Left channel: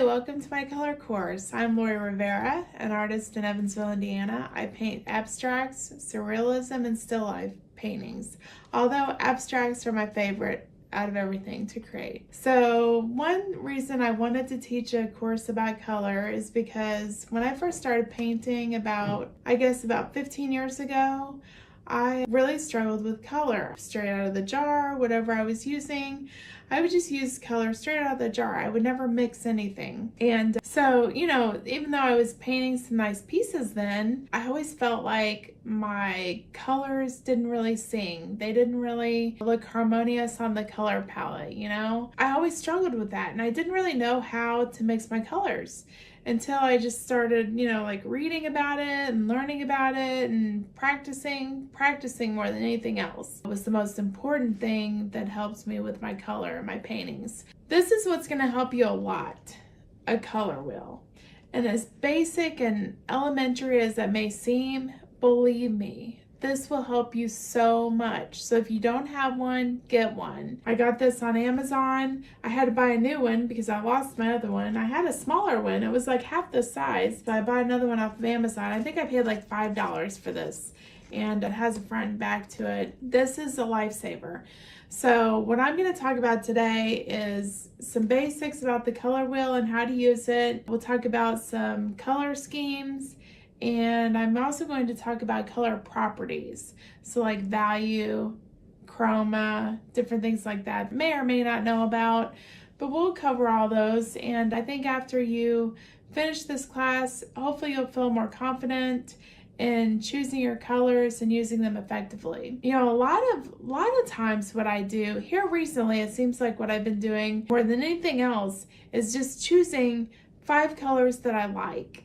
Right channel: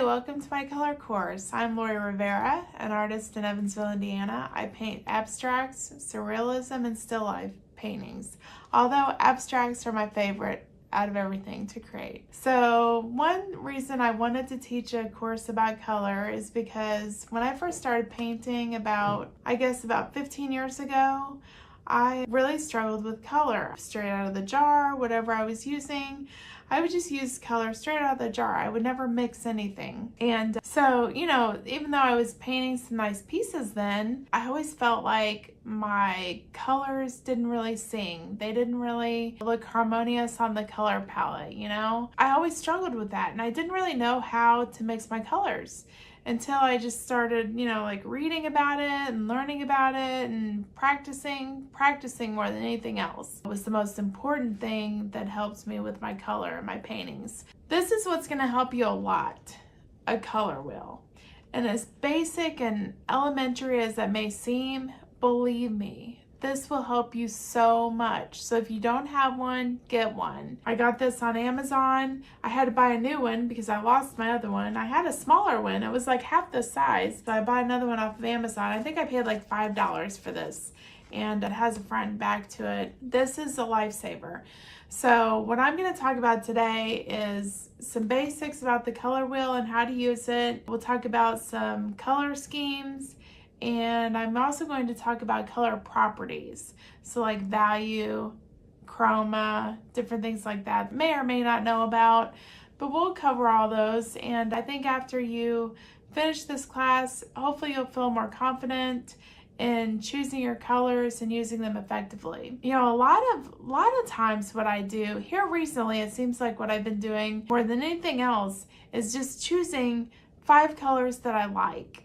Hi, welcome to my color course. I'm Lauri Rivera, an artist in Evansville, Indiana. I paint abstracts, surrealism, and still life paintings, although abstracts are my favorite out of everything to create. So one reason I wanted to teach a course about color is because when I first started painting about 15 years ago, I really struggled with color. Straight out of the jar, whatever I was using, I would just use color straight out of the jar. I would never mix anything. And so, even though I was painting some nice pieces then, I always felt like my colors didn't really sing. They didn't really look harmonious on the color palette, I always struggled with that, and I didn't really know how to mix my colors until I just started, reading about it and learning about it and practicing more than anything else. It was the most important thing that helps me with my color and my paintings. This is what's going to help you a lot, a color wheel. And as basic and elementary as that may seem, believe me, this will help you so much. So if you don't have one, get one. I got this on Amazon. I had to buy a new one because I lost my other one. I had a smaller one. It was like half the size, but I bought another one off of Amazon. I think I paid like $5 for this, and it has a front and back to it. This is a lifesaver. So what I'm going to talk about today is some basics about the color wheel and how to use it. We'll talk about some color schemes, and I'm also going to talk about color properties. So like value, chroma, different things like that. May or may not know about, but we'll cover all those. And I think after you finish this class, hopefully you'll feel more confident in choosing your colors and using them effectively. A lot of times what I do here recently, it seems like what I've been doing more than anything else is just choosing 5 colors that I like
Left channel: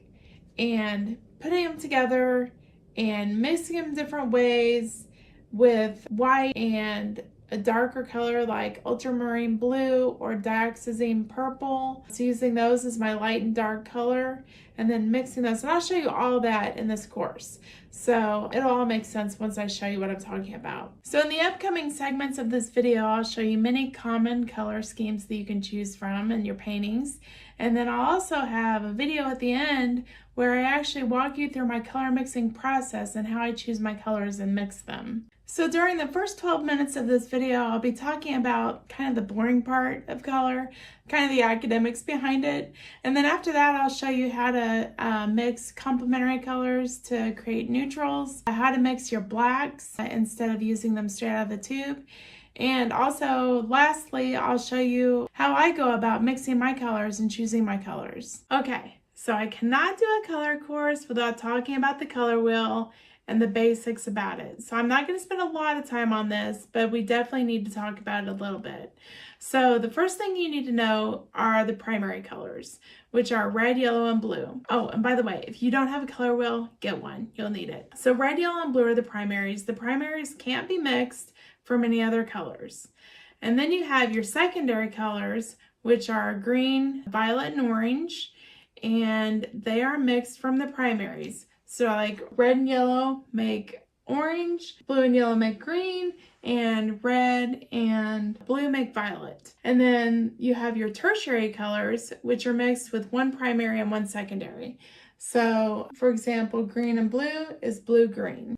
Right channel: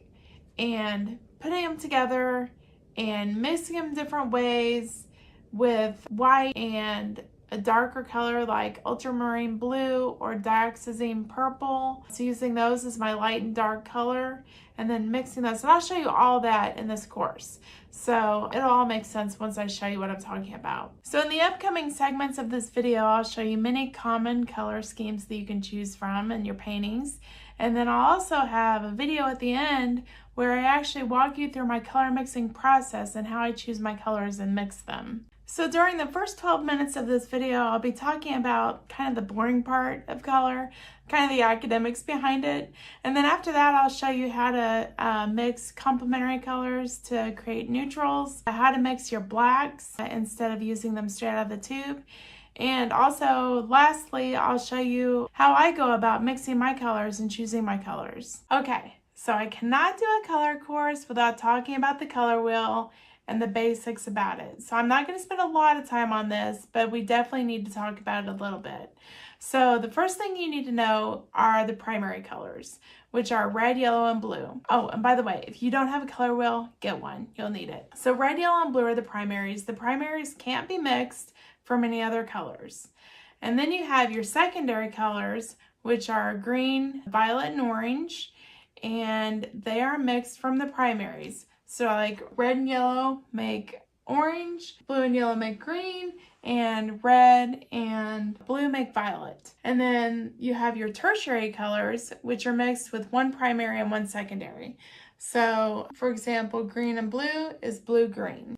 and putting them together and mixing them different ways with white and a darker color like ultramarine blue or dioxazine purple. So using those as my light and dark color and then mixing those. And I'll show you all that in this course. So it'll all make sense once I show you what I'm talking about. So in the upcoming segments of this video, I'll show you many common color schemes that you can choose from in your paintings. And then I'll also have a video at the end where I actually walk you through my color mixing process and how I choose my colors and mix them. So during the first 12 minutes of this video, I'll be talking about kind of the boring part of color, kind of the academics behind it. And then after that, I'll show you how to mix complementary colors to create neutrals, how to mix your blacks instead of using them straight out of the tube. And also, lastly, I'll show you how I go about mixing my colors and choosing my colors. Okay, so I cannot do a color course without talking about the color wheel and the basics about it. So I'm not going to spend a lot of time on this, but we definitely need to talk about it a little bit. So the first thing you need to know are the primary colors, which are red, yellow, and blue. Oh, and by the way, if you don't have a color wheel, get one. You'll need it. So red, yellow, and blue are the primaries. The primaries can't be mixed from any other colors. And then you have your secondary colors, which are green, violet, and orange, and they are mixed from the primaries. So like red and yellow make orange, blue and yellow make green, and red and blue make violet. And then you have your tertiary colors, which are mixed with one primary and one secondary. So for example, green and blue is blue-green,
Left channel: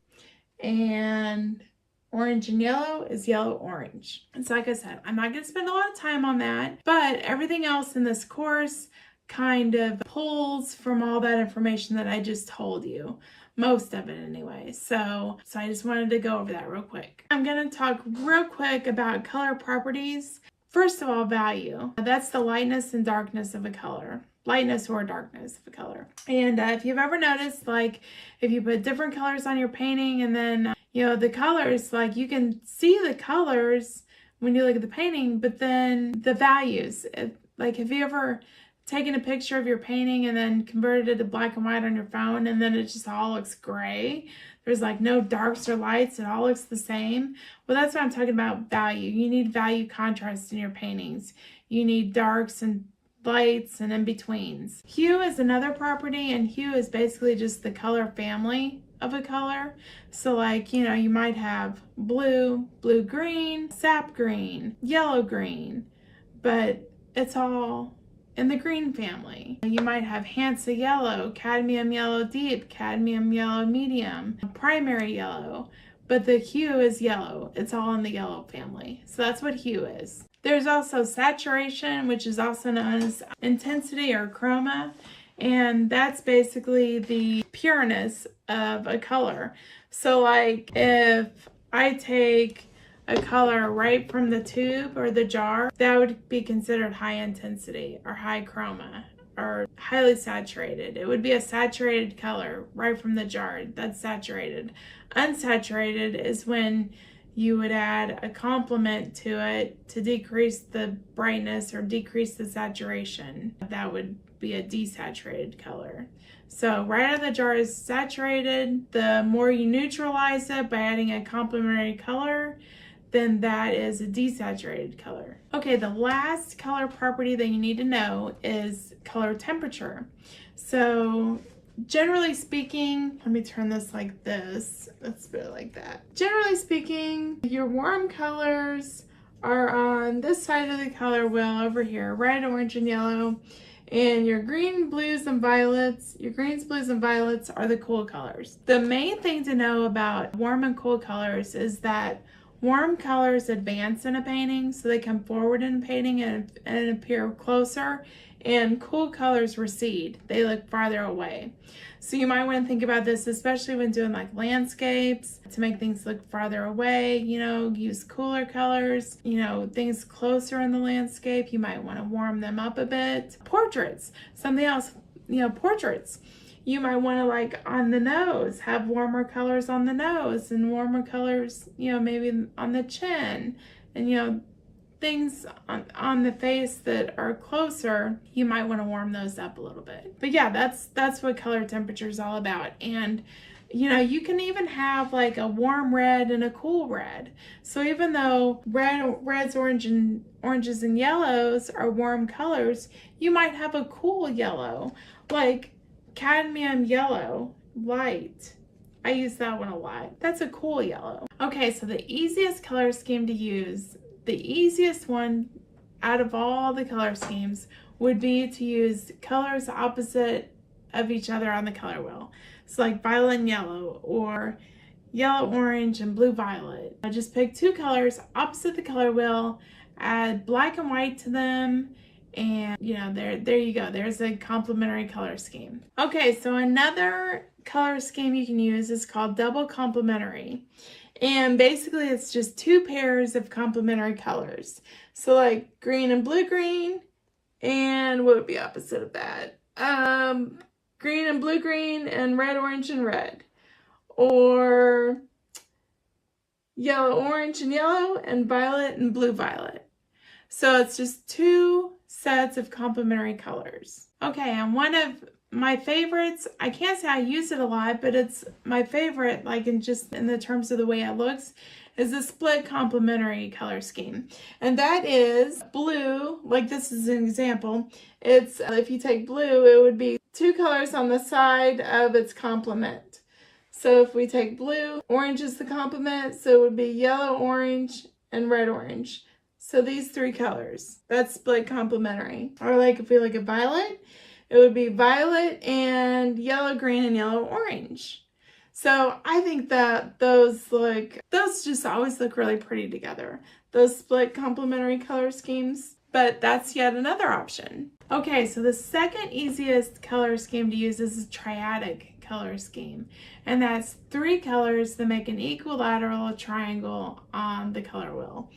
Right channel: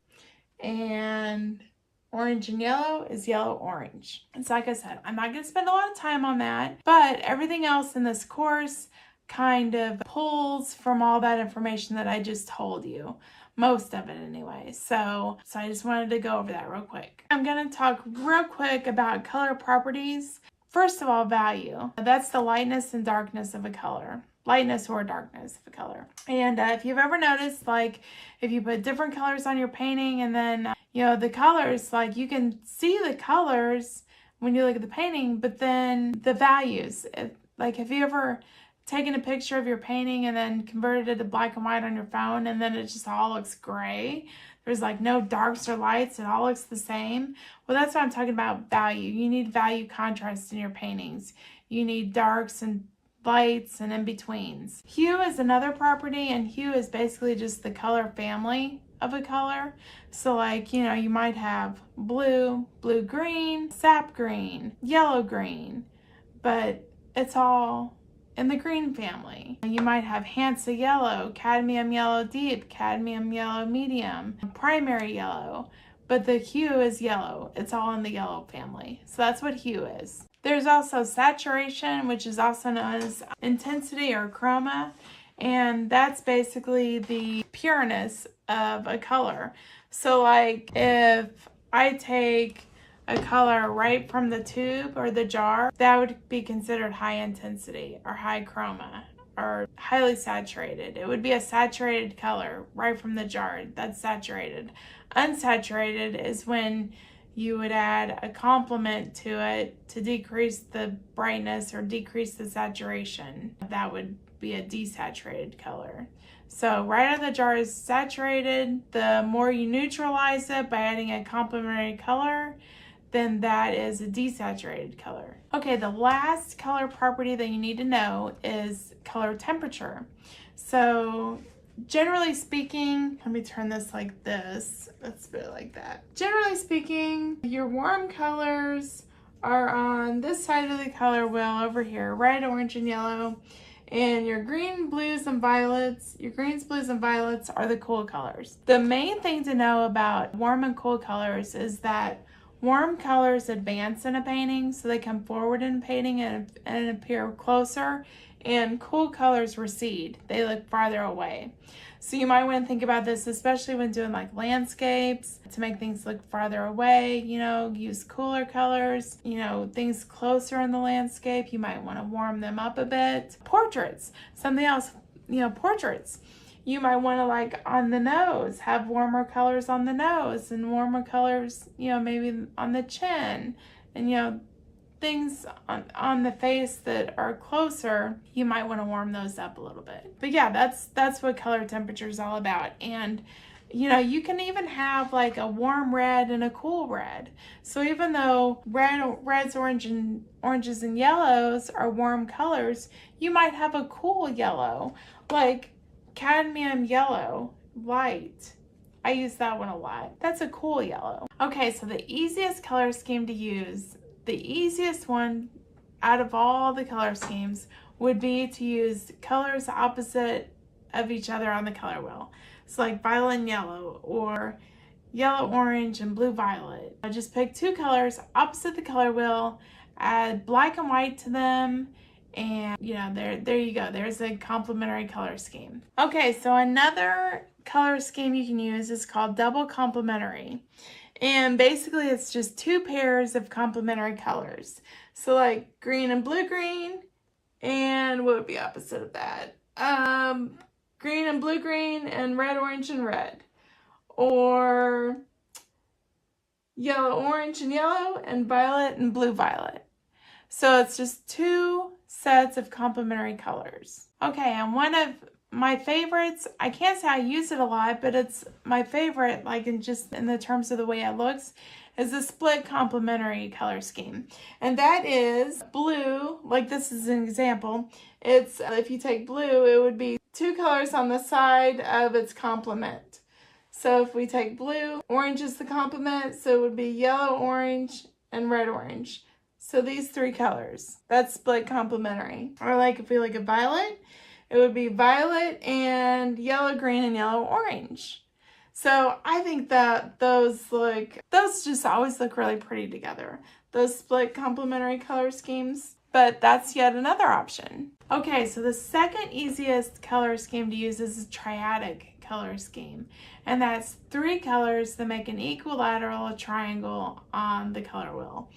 and orange and yellow is yellow-orange. And so like I said, I'm not going to spend a lot of time on that, but everything else in this course kind of pulls from all that information that I just told you. Most of it anyway. So I just wanted to go over that real quick. I'm going to talk real quick about color properties. First of all, value. That's the lightness and darkness of a color. Lightness or darkness of a color. And if you've ever noticed, like if you put different colors on your painting and then, the colors, like you can see the colors when you look at the painting, but then the values, like have you ever taken a picture of your painting and then converted it to black and white on your phone and then it just all looks gray? There's like no darks or lights, it all looks the same. Well, that's what I'm talking about, value. You need value contrast in your paintings. You need darks and lights and in-betweens. Hue is another property, and hue is basically just the color family of a color. So like, you might have blue, blue-green, sap green, yellow-green, but it's all in the green family. You might have Hansa yellow, cadmium yellow deep, cadmium yellow medium, primary yellow, but the hue is yellow. It's all in the yellow family. So that's what hue is. There's also saturation, which is also known as intensity or chroma, and that's basically the pureness of a color. So like if I take a color right from the tube or the jar, that would be considered high intensity or high chroma or highly saturated. It would be a saturated color right from the jar. That's saturated. Unsaturated is when you would add a complement to it to decrease the brightness or decrease the saturation. That would be a desaturated color. So right out of the jar is saturated. The more you neutralize it by adding a complementary color, then that is a desaturated color. Okay, the last color property that you need to know is color temperature. So generally speaking, let me turn this like this. Let's put it like that. Generally speaking, your warm colors are on this side of the color wheel over here, red, orange, and yellow. And your green, blues, and violets, your greens, blues, and violets are the cool colors. The main thing to know about warm and cool colors is that warm colors advance in a painting, so they come forward in a painting and appear closer, and cool colors recede. They look farther away. So you might want to think about this, especially when doing like landscapes, to make things look farther away, you know, use cooler colors, you know, things closer in the landscape, you might want to warm them up a bit. Portraits, something else, you know, portraits. You might want to, like, on the nose, have warmer colors on the nose and warmer colors, you know, maybe on the chin, and, you know, things on the face that are closer, you might want to warm those up a little bit. But yeah, that's what color temperature is all about. And, you know, you can even have like a warm red and a cool red. So even though reds, oranges, and yellows are warm colors, you might have a cool yellow, like cadmium yellow, light. I use that one a lot. That's a cool yellow. Okay, so the easiest color scheme to use, the easiest one out of all the color schemes, would be to use colors opposite of each other on the color wheel. So like violet and yellow, or yellow, orange, and blue, violet. I just pick two colors opposite the color wheel, add black and white to them, and you know, there you go. There's a complementary color scheme. Okay, so another color scheme you can use is called double complementary. And basically it's just two pairs of complementary colors. So like green and blue green, and what would be opposite of that? Green and blue green, and red, orange, and red. Or yellow, orange, and yellow, and violet and blue, violet. So it's just two sets of complementary colors. Okay, and one of my favorites, I can't say I use it a lot, but it's my favorite, like in the terms of the way it looks, is a split complementary color scheme. And that is blue, like this is an example. It's, if you take blue, it would be two colors on the side of its complement. So if we take blue, orange is the complement, so it would be yellow, orange, and red, orange. So these three colors, that's split complementary. Or like if we look at violet, it would be violet and yellow, green, and yellow, orange. So I think that those just always look really pretty together, those split complementary color schemes. But that's yet another option. Okay, so the second easiest color scheme to use is a triadic color scheme. And that's three colors that make an equilateral triangle on the color wheel.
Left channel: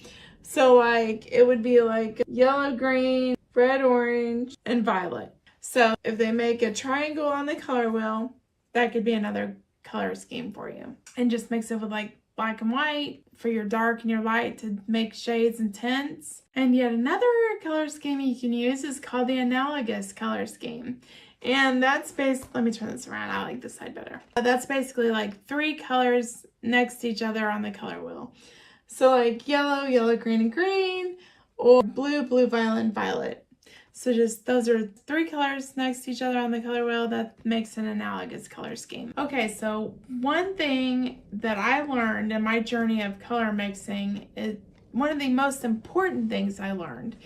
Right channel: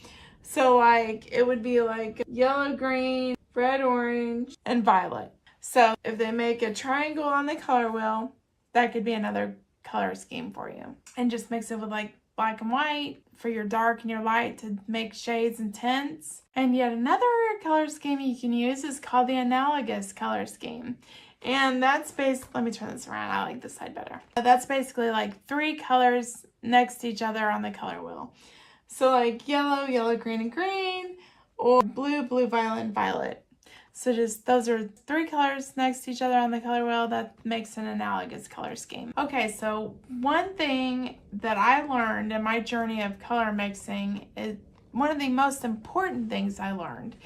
So like, it would be like yellow, green, red, orange, and violet. So if they make a triangle on the color wheel, that could be another color scheme for you. And just mix it with like black and white for your dark and your light to make shades and tints. And yet another color scheme you can use is called the analogous color scheme. And that's let me turn this around, I like this side better. That's basically like three colors next to each other on the color wheel. So like yellow, yellow, green, and green, or blue, blue, violet, and violet. So just those are three colors next to each other on the color wheel. That makes an analogous color scheme. Okay, so one thing that I learned in my journey of color mixing is one of the most important things I learned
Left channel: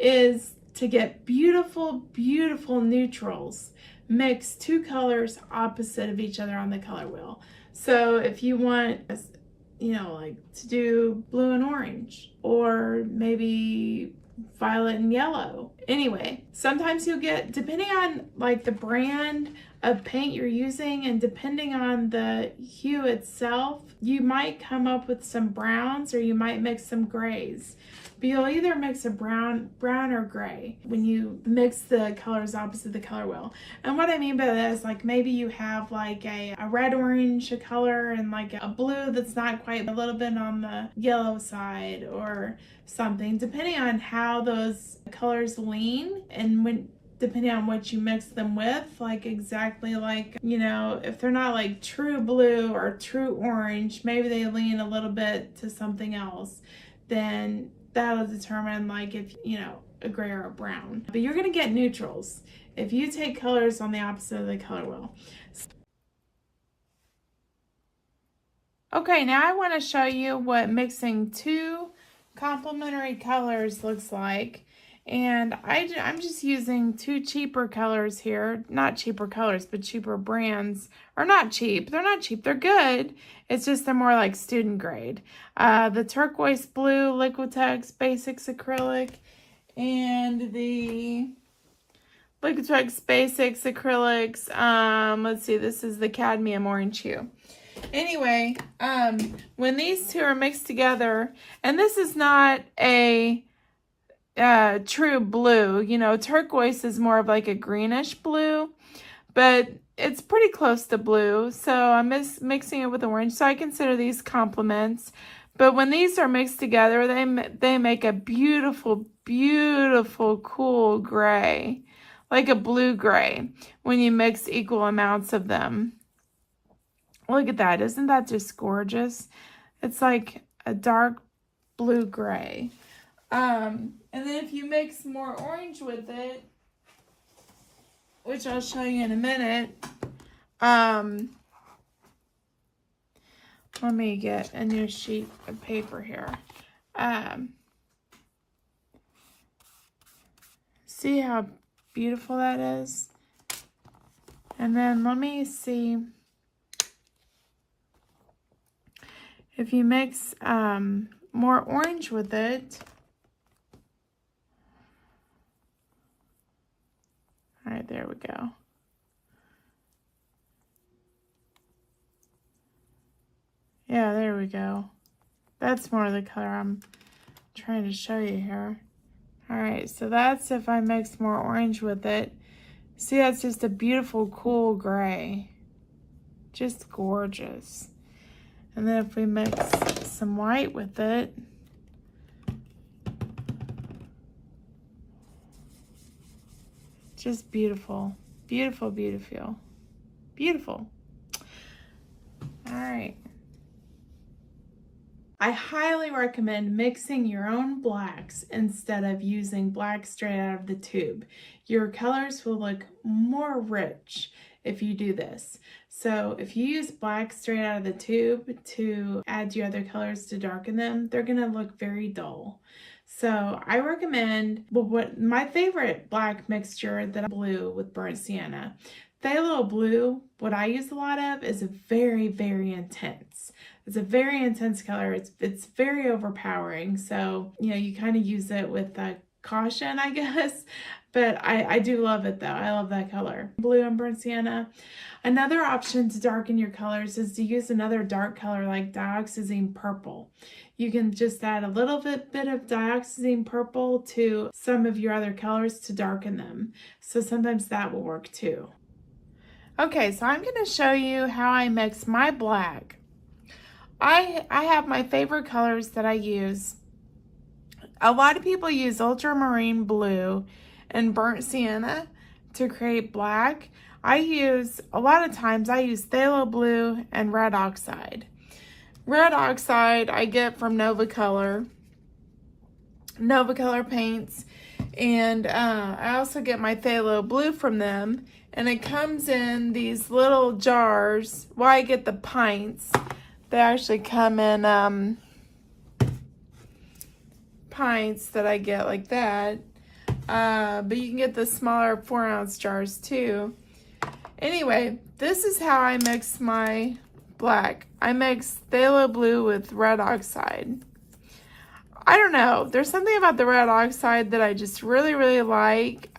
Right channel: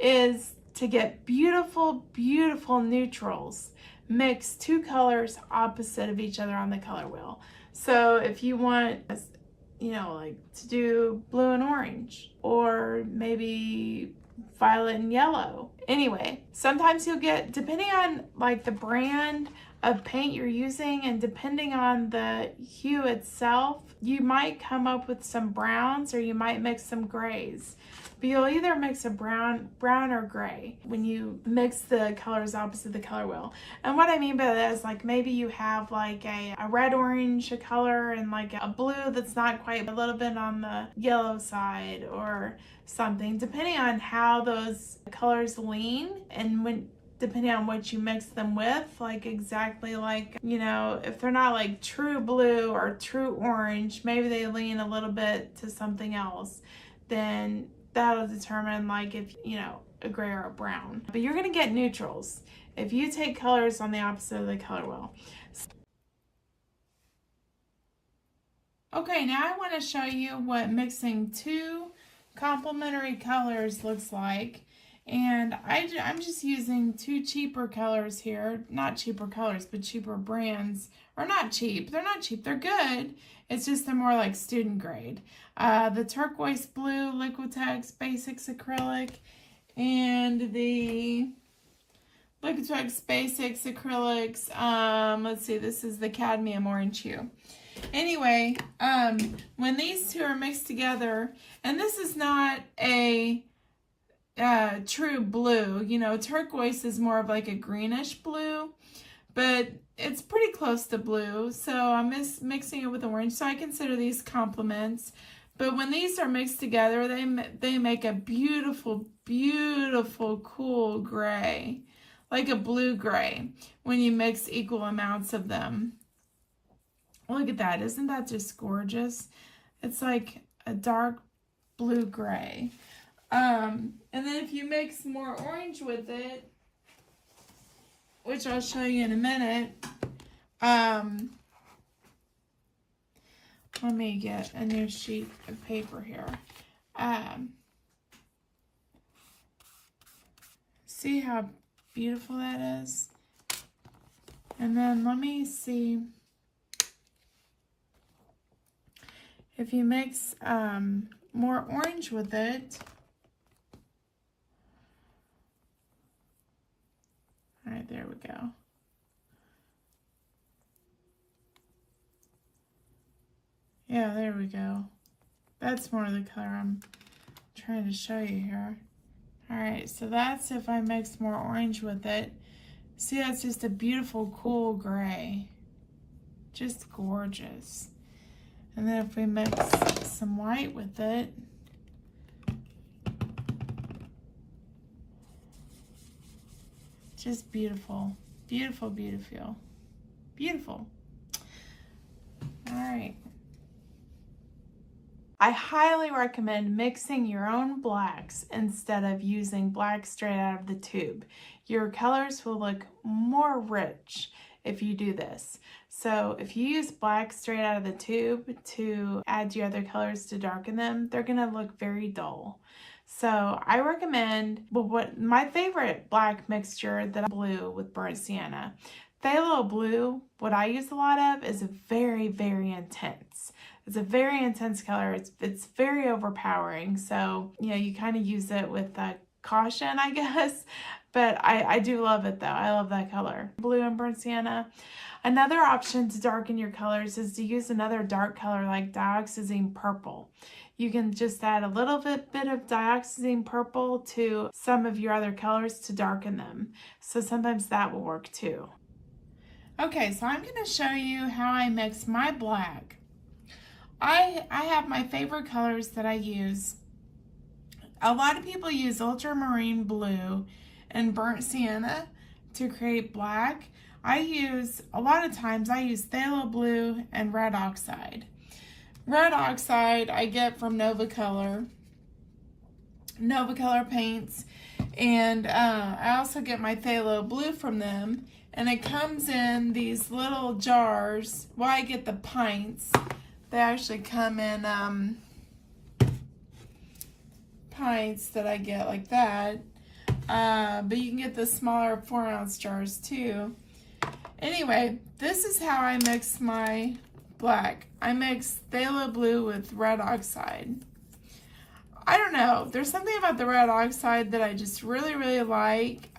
is to get beautiful, beautiful neutrals, mix two colors opposite of each other on the color wheel. So if you want, you know, like to do blue and orange, or maybe violet and yellow. Anyway, sometimes you'll get, depending on like the brand of paint you're using and depending on the hue itself, you might come up with some browns or you might mix some grays. But you'll either mix a brown or gray when you mix the colors opposite the color wheel. And what I mean by that is, like, maybe you have like a red orange color and like a blue that's not quite, a little bit on the yellow side or something, depending on how those colors lean and when, depending on what you mix them with, like exactly like, you know, if they're not like true blue or true orange, maybe they lean a little bit to something else, then that'll determine like if, you know, a gray or a brown. But you're gonna get neutrals if you take colors on the opposite of the color wheel. Okay, now I want to show you what mixing two complementary colors looks like. And I'm just using two cheaper colors here. Not cheaper colors, but cheaper brands. Or not cheap. They're not cheap. They're good. It's just they're more like student grade. The turquoise blue Liquitex Basics Acrylic and the Liquitex Basics Acrylics. Let's see, this is the cadmium orange hue. Anyway, when these two are mixed together, and this is not a true blue, you know, turquoise is more of like a greenish blue, but it's pretty close to blue, so I'm mixing it with orange, so I consider these complements. But when these are mixed together, they make a beautiful, beautiful, cool gray, like a blue gray, when you mix equal amounts of them. Look at that, isn't that just gorgeous? It's like a dark blue gray. And then if you mix more orange with it, which I'll show you in a minute, let me get a new sheet of paper here. See how beautiful that is? And then let me see if you mix more orange with it. All right, there we go. Yeah, there we go. That's more the color I'm trying to show you here. All right, so that's if I mix more orange with it. See, that's just a beautiful, cool gray. Just gorgeous. And then if we mix some white with it, just beautiful, beautiful, beautiful, beautiful. All right. I highly recommend mixing your own blacks instead of using black straight out of the tube. Your colors will look more rich if you do this. So if you use black straight out of the tube to add your other colors to darken them, they're gonna look very dull. So I recommend, well, what my favorite black mixture that I blue with burnt sienna. Phthalo blue, what I use a lot of, is very, very intense. It's a very intense color. It's very overpowering. So, you know, you kind of use it with caution, I guess. But I do love it though. I love that color. Blue and burnt sienna. Another option to darken your colors is to use another dark color like dioxazine purple. You can just add a little bit of dioxazine purple to some of your other colors to darken them. So sometimes that will work too. Okay, so I'm going to show you how I mix my black. I have my favorite colors that I use. A lot of people use ultramarine blue and burnt sienna to create black. A lot of times I use phthalo blue and red oxide. Red oxide I get from Nova Color paints, and I also get my phthalo blue from them, and it comes in these little jars. Well, I get the pints. They actually come in pints that I get like that. but you can get the smaller 4-ounce jars too. Anyway, this is how I mix my black. I mix phthalo blue with red oxide. I don't know. There's something about the red oxide that I just really, really like.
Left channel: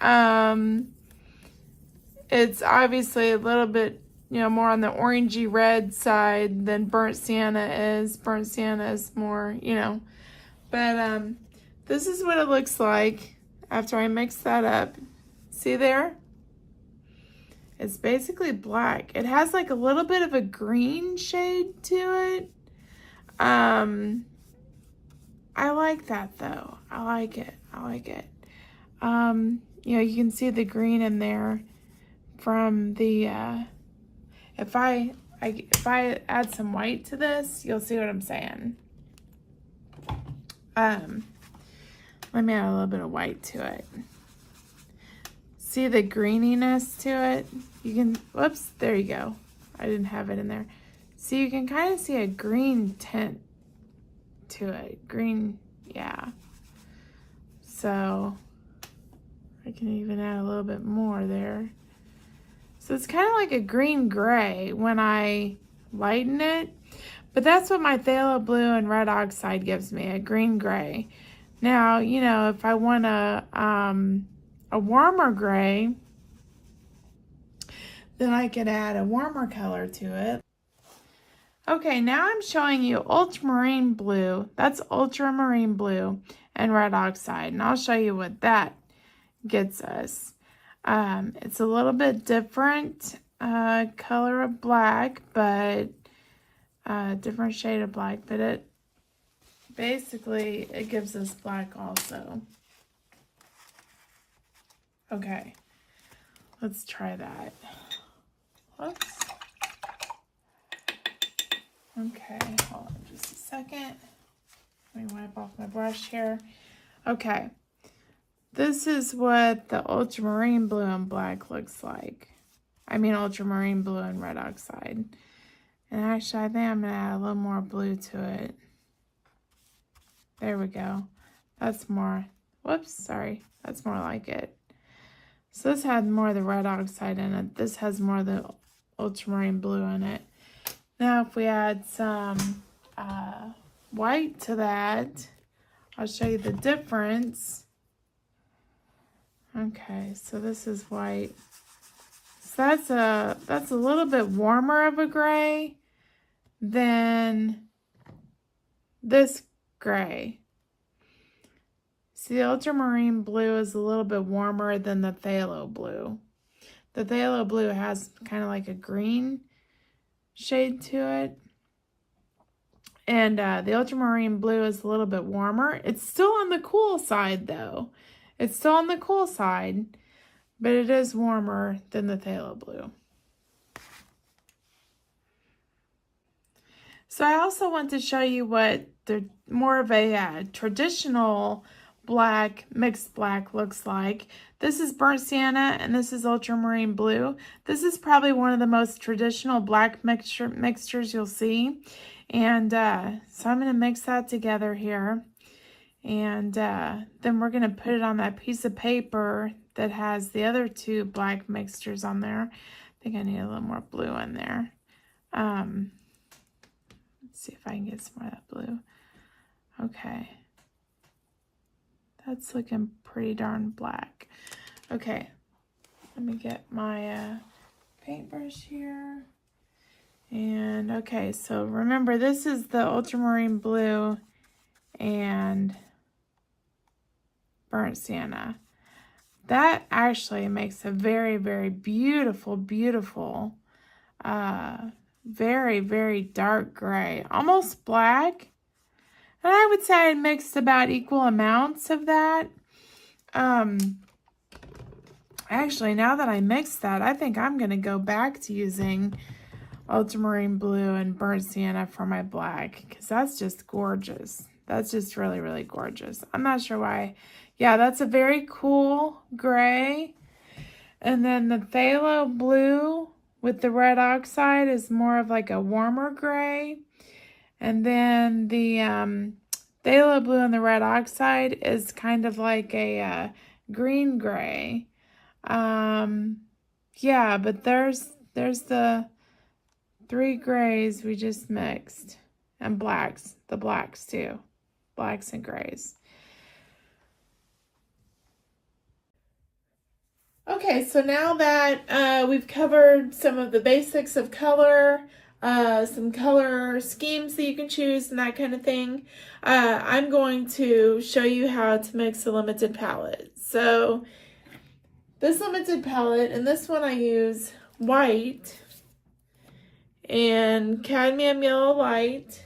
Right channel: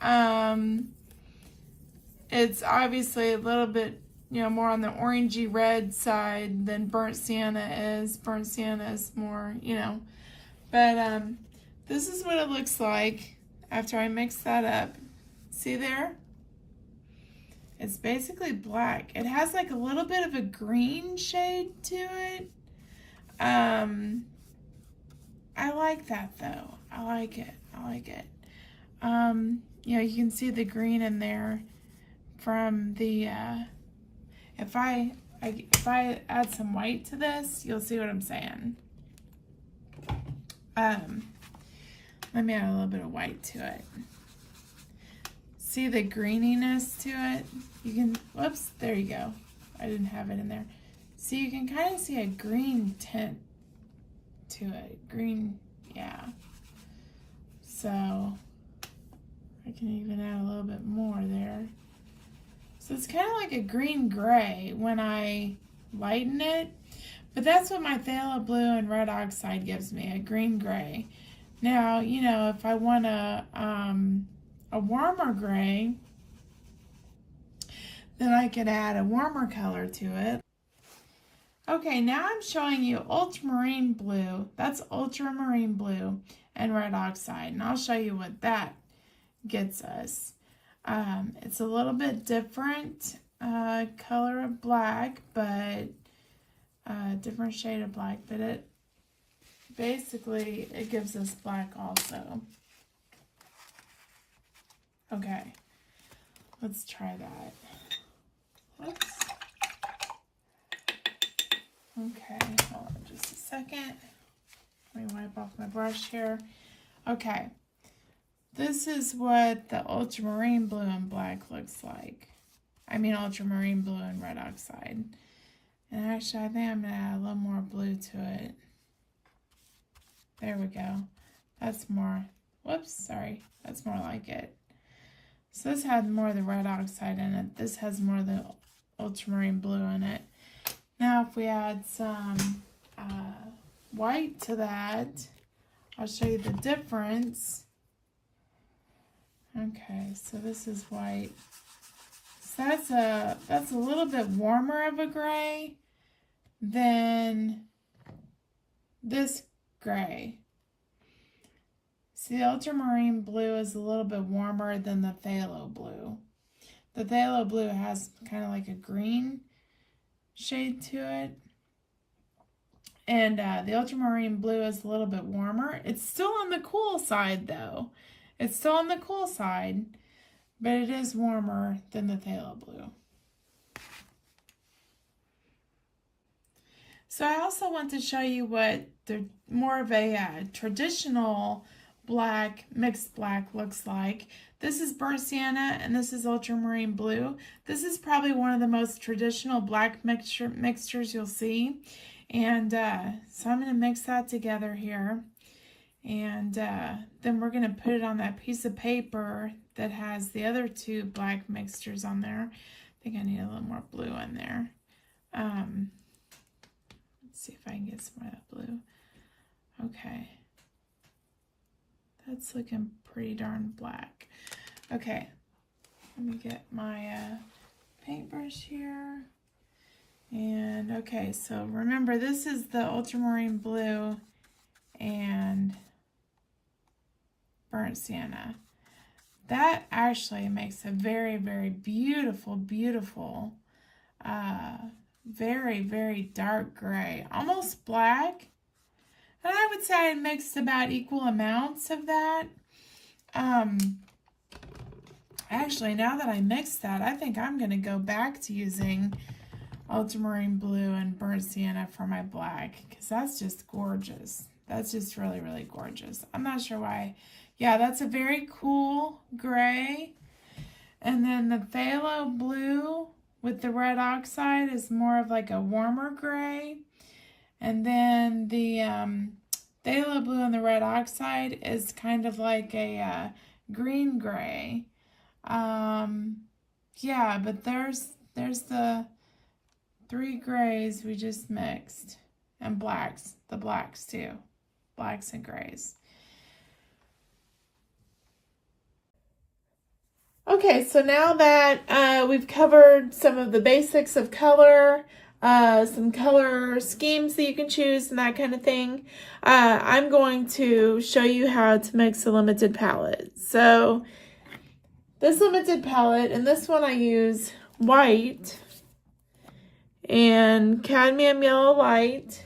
It's obviously a little bit, more on the orangey red side than burnt sienna is. Burnt sienna is more, But this is what it looks like after I mix that up. See there? It's basically black. It has like a little bit of a green shade to it. I like that though. I like it. You can see the green in there from the, if I add some white to this, you'll see what I'm saying. Let me add a little bit of white to it. See the greeniness to it? You can, whoops, there you go. I didn't have it in there. So you can kind of see a green tint to it. Green, yeah. So I can even add a little bit more there. So it's kind of like a green gray when I lighten it, but that's what my phthalo blue and red oxide gives me, a green gray. Now, if I want a warmer gray, then I could add a warmer color to it. Okay, now I'm showing you ultramarine blue. That's ultramarine blue and red oxide, and I'll show you what that gets us. It's a little bit different color of black, but different shade of black, but it gives us black also. Okay, let's try that. Whoops. Okay, hold on just a second. Let me wipe off my brush here. Okay, this is what the ultramarine blue and black looks like. I mean ultramarine blue and red oxide. And actually, I think I'm gonna add a little more blue to it. There we go. That's more, whoops, sorry. That's more like it. So this had more of the red oxide in it. This has more of the ultramarine blue in it. Now if we add some white to that, I'll show you the difference. Okay, so this is white. So that's a little bit warmer of a gray than this gray. See, the ultramarine blue is a little bit warmer than the phthalo blue. The phthalo blue has kind of like a green shade to it. And the ultramarine blue is a little bit warmer. It's still on the cool side though. It's still on the cool side, but it is warmer than the phthalo blue. So I also want to show you what the more of a traditional black, mixed black looks like. This is burnt sienna and this is ultramarine blue. This is probably one of the most traditional black mixtures you'll see. And so I'm going to mix that together here. And then we're going to put it on that piece of paper that has the other two black mixtures on there. I think I need a little more blue in there. Let's see if I can get some more of that blue. Okay. That's looking pretty darn black. Okay, let me get my paintbrush here. And okay, so remember this is the ultramarine blue and burnt sienna. That actually makes a very, very beautiful, beautiful, very, very dark gray, almost black. And I would say I mixed about equal amounts of that. Actually, now that I mixed that, I think I'm going to go back to using ultramarine blue and burnt sienna for my black, because that's just gorgeous. That's just really, really gorgeous. I'm not sure why. Yeah, that's a very cool gray. And then the phthalo blue with the red oxide is more of like a warmer gray. And then the phthalo blue and the red oxide is kind of like a green gray. Yeah, but there's the 3 grays we just mixed, and blacks, the blacks too, blacks and grays. Okay, so now that we've covered some of the basics of color, some color schemes that you can choose and that kind of thing, I'm going to show you how to mix a limited palette. So this limited palette, in this one I use white and cadmium yellow light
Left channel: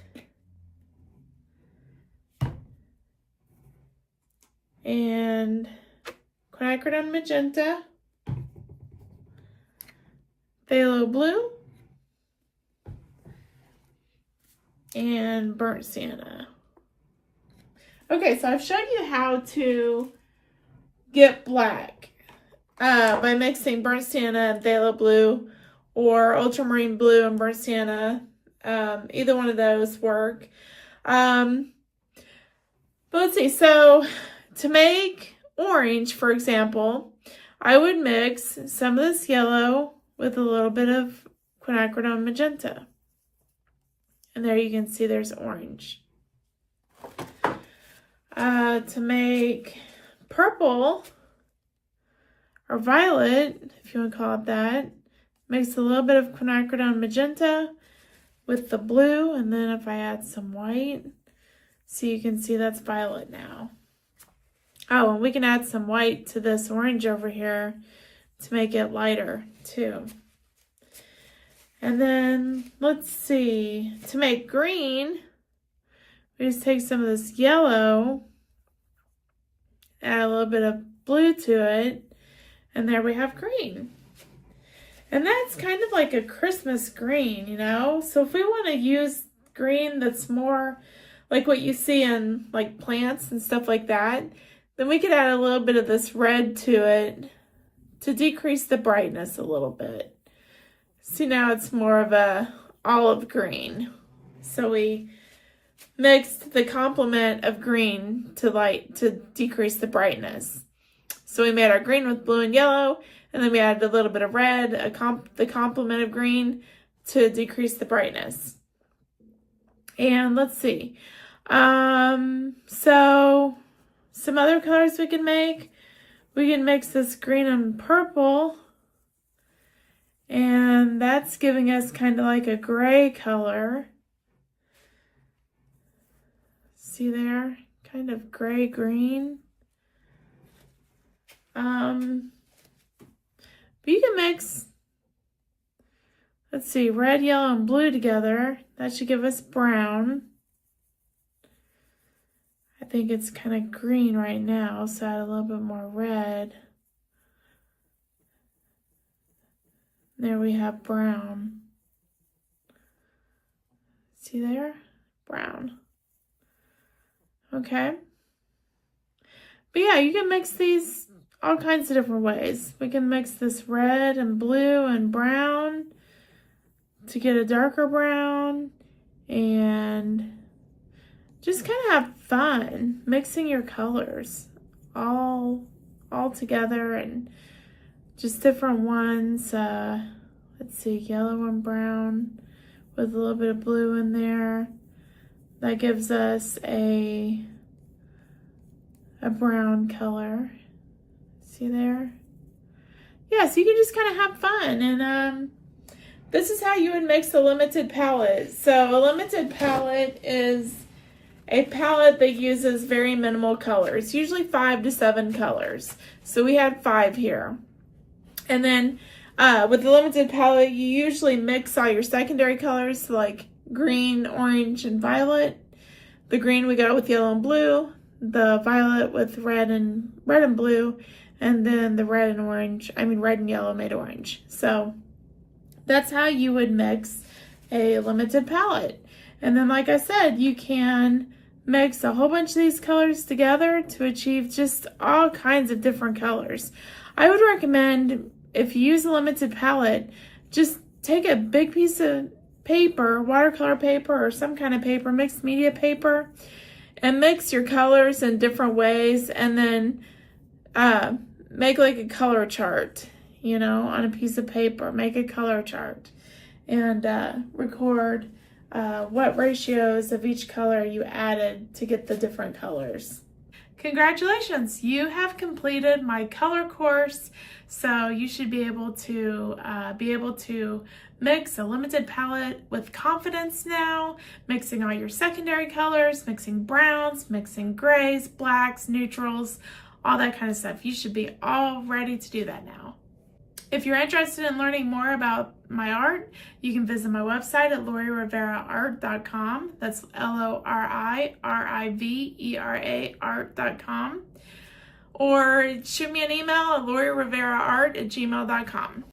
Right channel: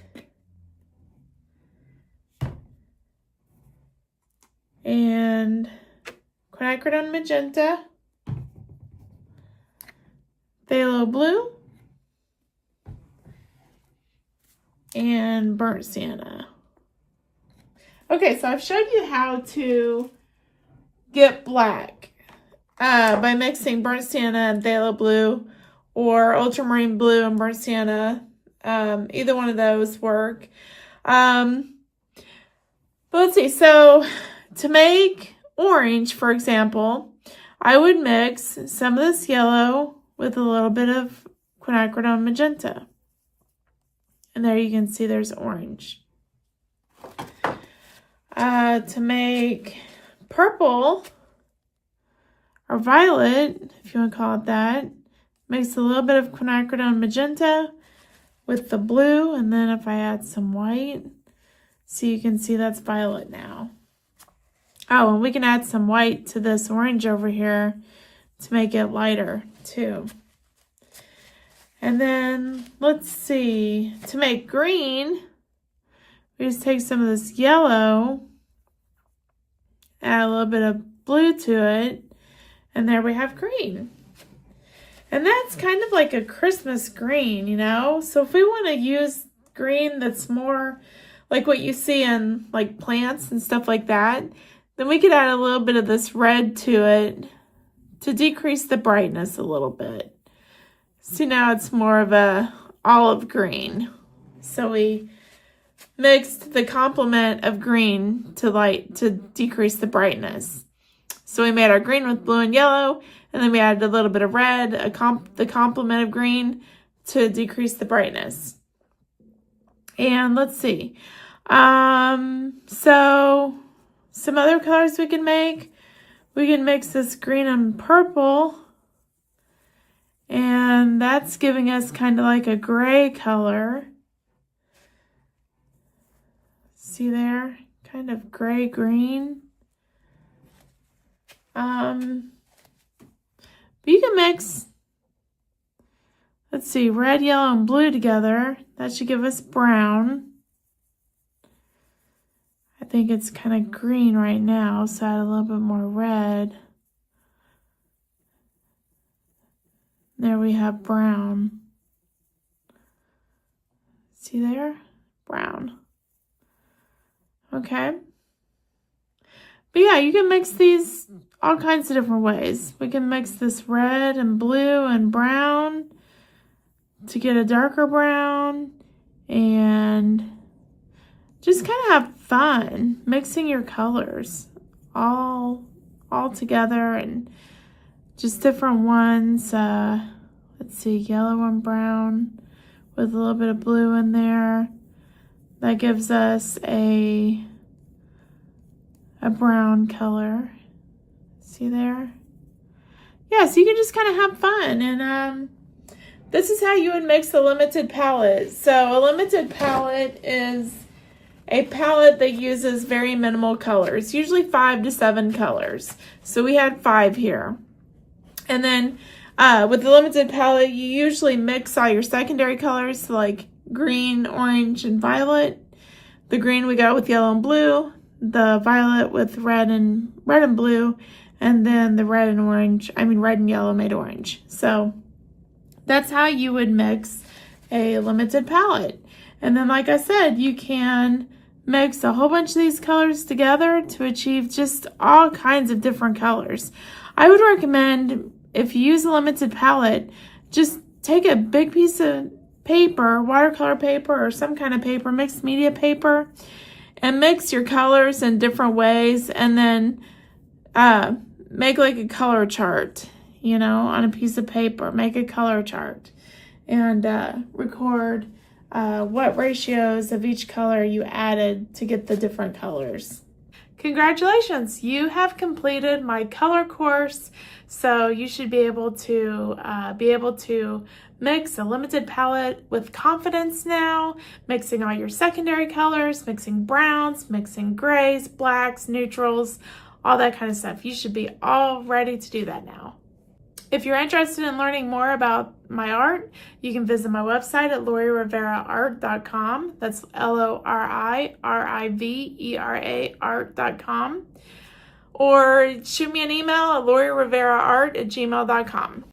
and quinacridone magenta, phthalo blue, and burnt sienna. Okay, so I've showed you how to get black by mixing burnt sienna and phthalo blue, or ultramarine blue and burnt sienna. Either one of those work. But let's see, so to make orange, for example, I would mix some of this yellow with a little bit of quinacridone magenta. And there you can see there's orange. To make purple or violet, if you want to call it that, mix a little bit of quinacridone magenta with the blue, and then if I add some white, so you can see that's violet now. Oh, and we can add some white to this orange over here to make it lighter too. And then let's see, to make green, we just take some of this yellow, add a little bit of blue to it, and there we have green. And that's kind of like a Christmas green, you know? So if we want to use green that's more like what you see in like plants and stuff like that, then we could add a little bit of this red to it to decrease the brightness a little bit. See, now it's more of a olive green. So we mixed the complement of green to decrease the brightness. So we made our green with blue and yellow, and then we added a little bit of red, the complement of green, to decrease the brightness. And let's see. So some other colors we can make. We can mix this green and purple, and that's giving us kind of like a gray color. See there? Kind of gray-green. But you can mix, let's see, red, yellow, and blue together. That should give us brown. I think it's kind of green right now, so add a little bit more red. There we have brown. See there? Brown. Okay. But yeah, you can mix these all kinds of different ways. We can mix this red and blue and brown to get a darker brown, and just kind of have fun mixing your colors all together, and just different ones. Let's see, yellow and brown with a little bit of blue in there. That gives us a brown color. See there? Yeah, so you can just kind of have fun. And this is how you would mix a limited palette. So a limited palette is a palette that uses very minimal colors, usually 5 to 7 colors. So we had 5 here. And then with the limited palette, you usually mix all your secondary colors, so like green, orange, and violet. The green we got with yellow and blue, the violet with red and blue, and then the red and yellow made orange. So that's how you would mix a limited palette. And then, like I said, you can mix a whole bunch of these colors together to achieve just all kinds of different colors. I would recommend, if you use a limited palette, just take a big piece of paper, watercolor paper or some kind of paper, mixed media paper, and mix your colors in different ways, and then make like a color chart, on a piece of paper. Make a color chart and record what ratios of each color you added to get the different colors. Congratulations, you have completed my color course, so you should be able to mix a limited palette with confidence now, mixing all your secondary colors, mixing browns, mixing grays, blacks, neutrals, all that kind of stuff. You should be all ready to do that now. If you're interested in learning more about my art, you can visit my website at lauririveraart.com. That's LORIRIVERA art.com. Or shoot me an email at lauririveraart@gmail.com.